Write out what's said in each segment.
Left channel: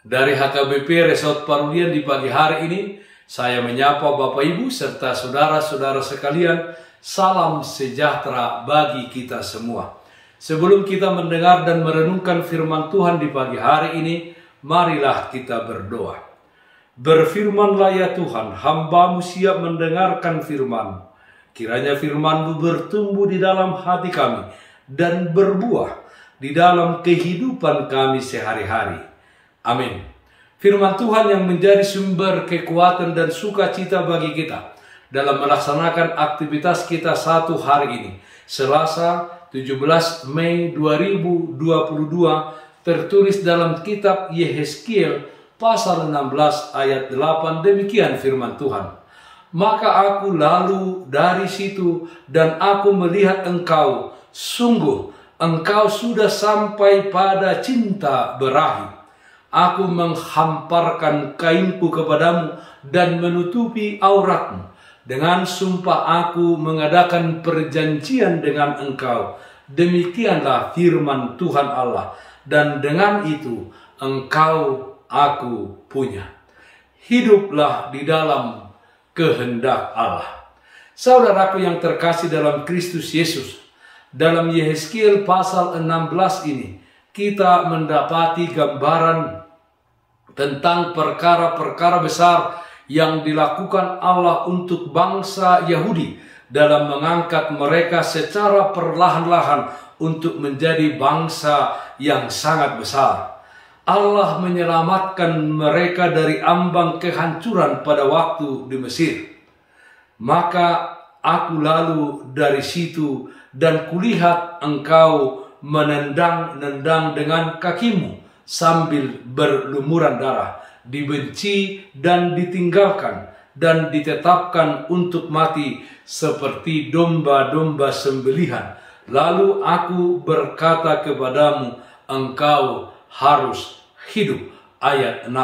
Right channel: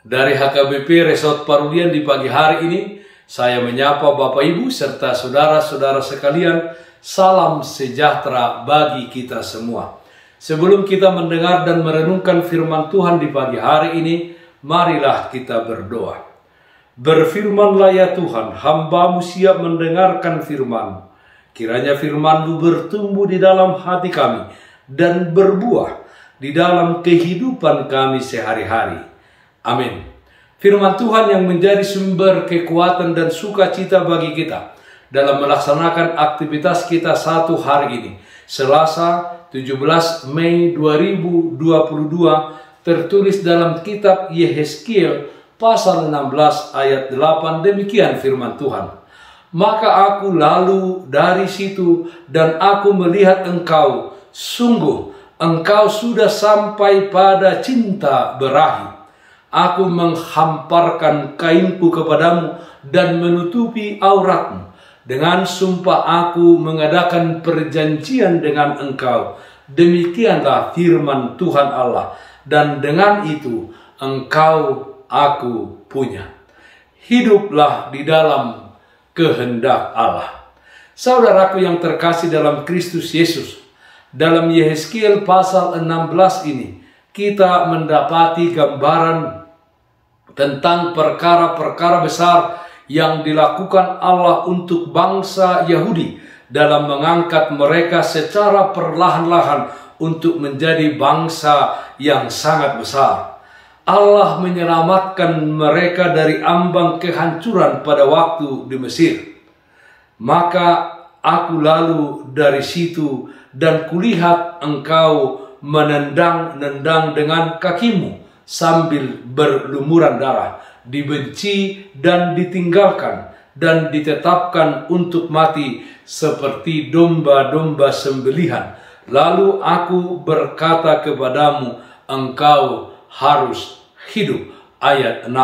Dari HKBP Resort Parulian di pagi hari ini, saya menyapa Bapak Ibu serta saudara-saudara sekalian, salam sejahtera bagi kita semua. Sebelum kita mendengar dan merenungkan firman Tuhan di pagi hari ini, marilah kita berdoa. Berfirmanlah ya Tuhan, hamba-Mu siap mendengarkan firman-Mu. Kiranya firman-Mu bertumbuh di dalam hati kami dan berbuah di dalam kehidupan kami sehari-hari. Amin. Firman Tuhan yang menjadi sumber kekuatan dan sukacita bagi kita dalam melaksanakan aktivitas kita satu hari ini, Selasa 17 Mei 2022, tertulis dalam kitab Yehezkiel pasal 16 ayat 8, demikian firman Tuhan. Maka aku lalu dari situ dan aku melihat engkau, sungguh engkau sudah sampai pada cinta berahi. Aku menghamparkan kainku kepadamu dan menutupi auratmu. Dengan sumpah aku mengadakan perjanjian dengan engkau. Demikianlah firman Tuhan Allah. Dan dengan itu engkau aku punya. Hiduplah di dalam kehendak Allah. Saudaraku yang terkasih dalam Kristus Yesus, dalam Yehezkiel pasal 16 ini, kita mendapati gambaran tentang perkara-perkara besar yang dilakukan Allah untuk bangsa Yahudi dalam mengangkat mereka secara perlahan-lahan untuk menjadi bangsa yang sangat besar. Allah menyelamatkan mereka dari ambang kehancuran pada waktu di Mesir. Maka aku lalu dari situ dan kulihat engkau menendang-nendang dengan kakimu sambil berlumuran darah, dibenci dan ditinggalkan dan ditetapkan untuk mati seperti domba-domba sembelihan. Lalu aku berkata kepadamu, engkau harus hidup. Ayat 6.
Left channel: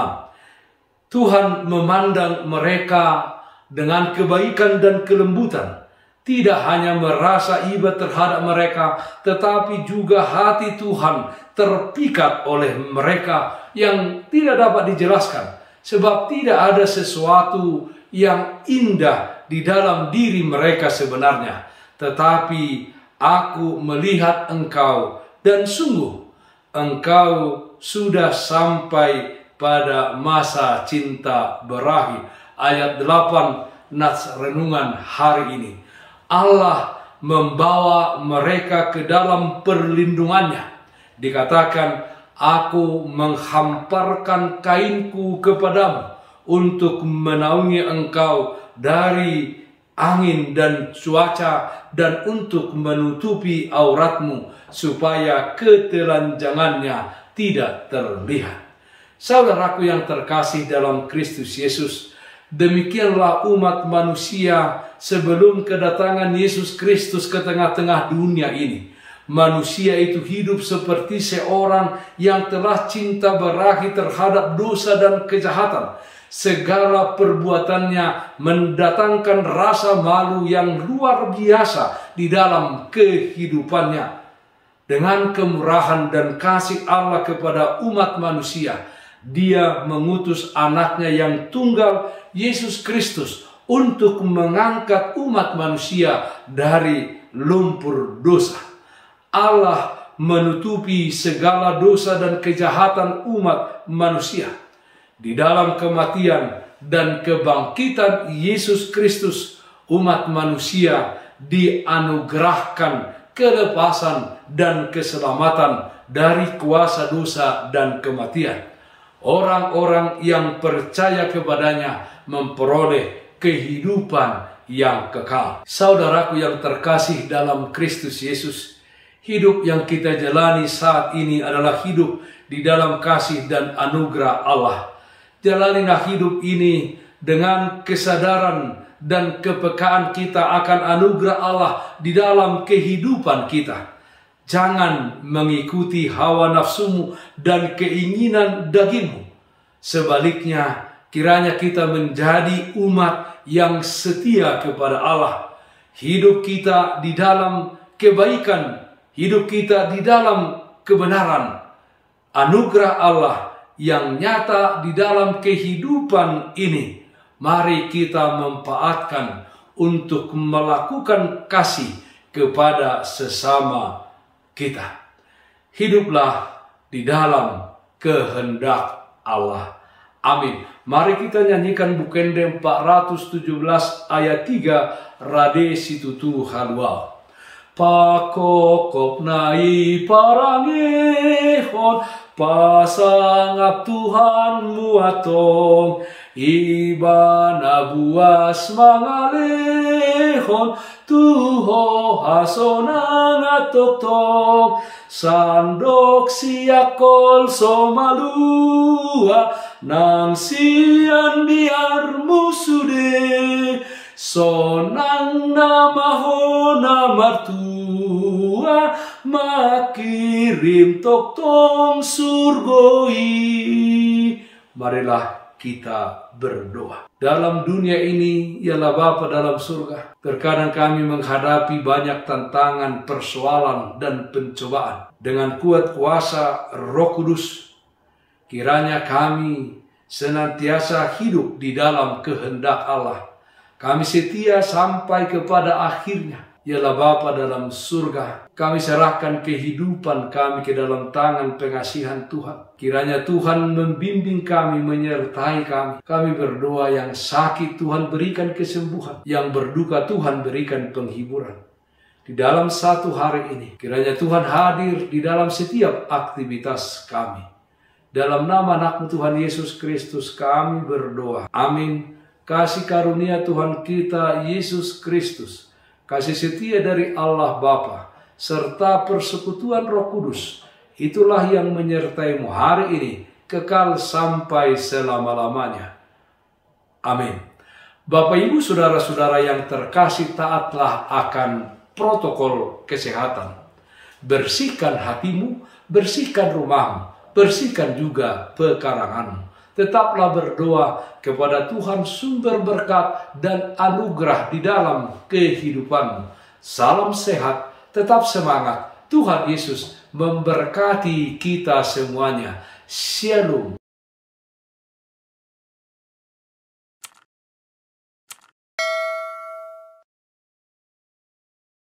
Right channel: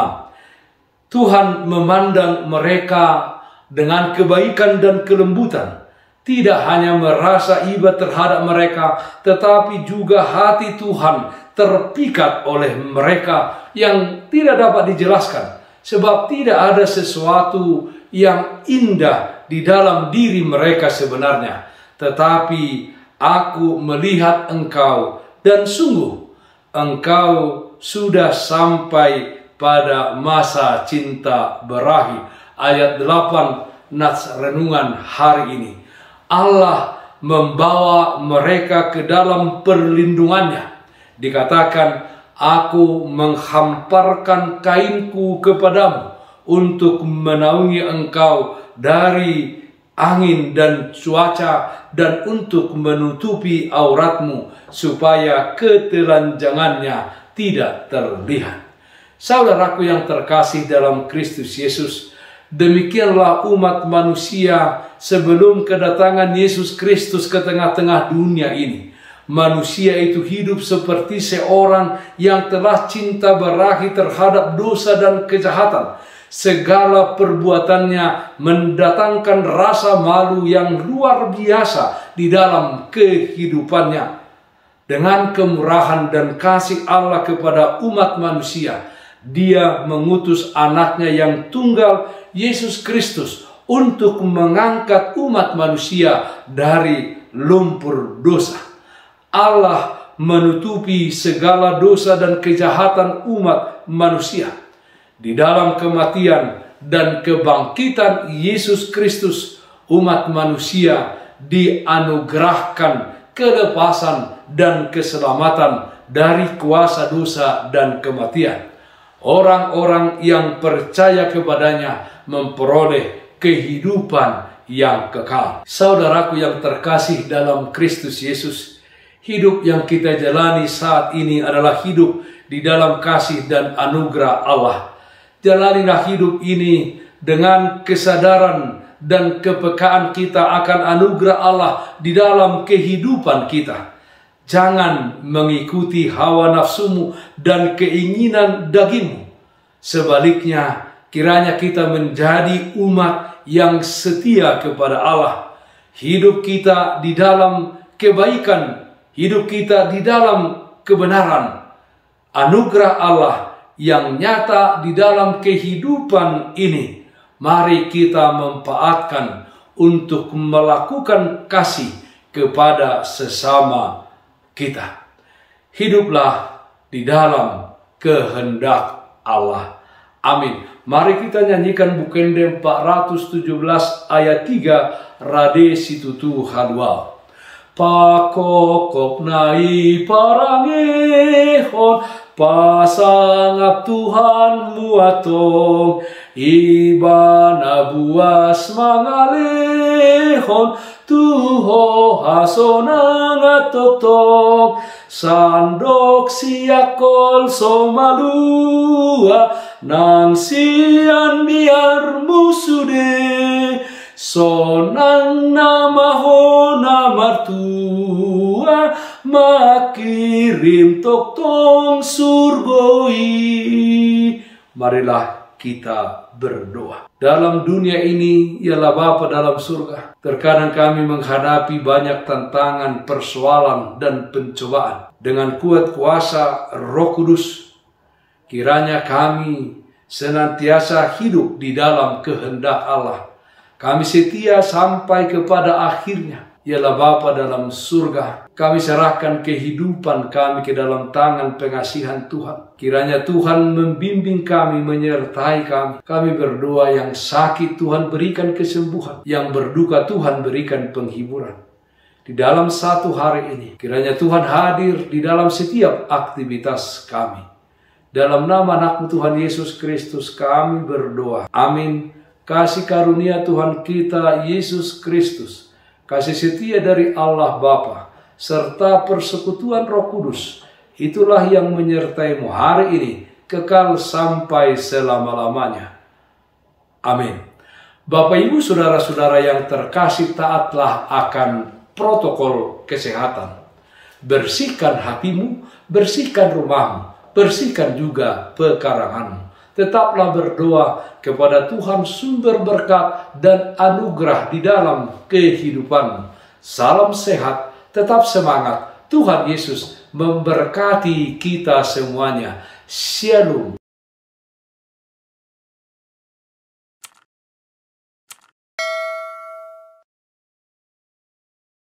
Tuhan memandang mereka dengan kebaikan dan kelembutan. Tidak hanya merasa iba terhadap mereka, tetapi juga hati Tuhan terpikat oleh mereka yang tidak dapat dijelaskan. Sebab tidak ada sesuatu yang indah di dalam diri mereka sebenarnya. Tetapi aku melihat engkau dan sungguh engkau sudah sampai pada masa cinta berahi. Ayat 8 nats renungan hari ini. Allah membawa mereka ke dalam perlindungannya. Dikatakan, aku menghamparkan kainku kepadamu untuk menaungi engkau dari angin dan cuaca dan untuk menutupi auratmu supaya ketelanjangannya tidak terlihat. Saudaraku yang terkasih dalam Kristus Yesus, demikianlah umat manusia sebelum kedatangan Yesus Kristus ke tengah-tengah dunia ini. Manusia itu hidup seperti seorang yang telah cinta berahi terhadap dosa dan kejahatan. Segala perbuatannya mendatangkan rasa malu yang luar biasa di dalam kehidupannya. Dengan kemurahan dan kasih Allah kepada umat manusia, Dia mengutus anaknya yang tunggal, Yesus Kristus, untuk mengangkat umat manusia dari lumpur dosa. Allah menutupi segala dosa dan kejahatan umat manusia. Di dalam kematian dan kebangkitan Yesus Kristus, umat manusia dianugerahkan kelepasan dan keselamatan dari kuasa dosa dan kematian. Orang-orang yang percaya kepadanya memperoleh kehidupan yang kekal. Saudaraku yang terkasih dalam Kristus Yesus, hidup yang kita jalani saat ini adalah hidup di dalam kasih dan anugerah Allah. Jalanilah hidup ini dengan kesadaran dan kepekaan kita akan anugerah Allah di dalam kehidupan kita. Jangan mengikuti hawa nafsumu dan keinginan dagingmu. Sebaliknya, kiranya kita menjadi umat yang setia kepada Allah. Hidup kita di dalam kebaikan, hidup kita di dalam kebenaran. Anugerah Allah yang nyata di dalam kehidupan ini. Mari kita manfaatkan untuk melakukan kasih kepada sesama kita. Hiduplah di dalam kehendak Allah. Amin. Mari kita nyanyikan Bukende 417 ayat 3 Rade situtu halwa. Pakokop nai parangehon pasangap Tuhan muatong ibana buas mangalehon tuho hasonang atoktok sandok siakol somalua nang sian biar musude sonang namaho namartua makirim toktong surgoi. Marilah kita berdoa. Dalam dunia ini ialah Bapa dalam surga. Terkadang kami menghadapi banyak tantangan, persoalan, dan pencobaan. Dengan kuat kuasa Roh Kudus, kiranya kami senantiasa hidup di dalam kehendak Allah. Kami setia sampai kepada akhirnya, ialah Bapa dalam surga. Kami serahkan kehidupan kami ke dalam tangan pengasihan Tuhan. Kiranya Tuhan membimbing kami, menyertai kami. Kami berdoa yang sakit Tuhan berikan kesembuhan, yang berduka Tuhan berikan penghiburan. Di dalam satu hari ini, kiranya Tuhan hadir di dalam setiap aktivitas kami. Dalam nama anak-Mu Tuhan Yesus Kristus kami berdoa. Amin. Kasih karunia Tuhan kita Yesus Kristus, kasih setia dari Allah Bapa, serta persekutuan Roh Kudus, itulah yang menyertaimu hari ini, kekal sampai selama-lamanya. Amin. Bapak, Ibu, saudara-saudara yang terkasih, taatlah akan protokol kesehatan. Bersihkan hatimu, bersihkan rumahmu, bersihkan juga pekaranganmu. Tetaplah berdoa kepada Tuhan sumber berkat dan anugerah di dalam kehidupanmu. Salam sehat, tetap semangat. Tuhan Yesus memberkati kita semuanya. Shalom.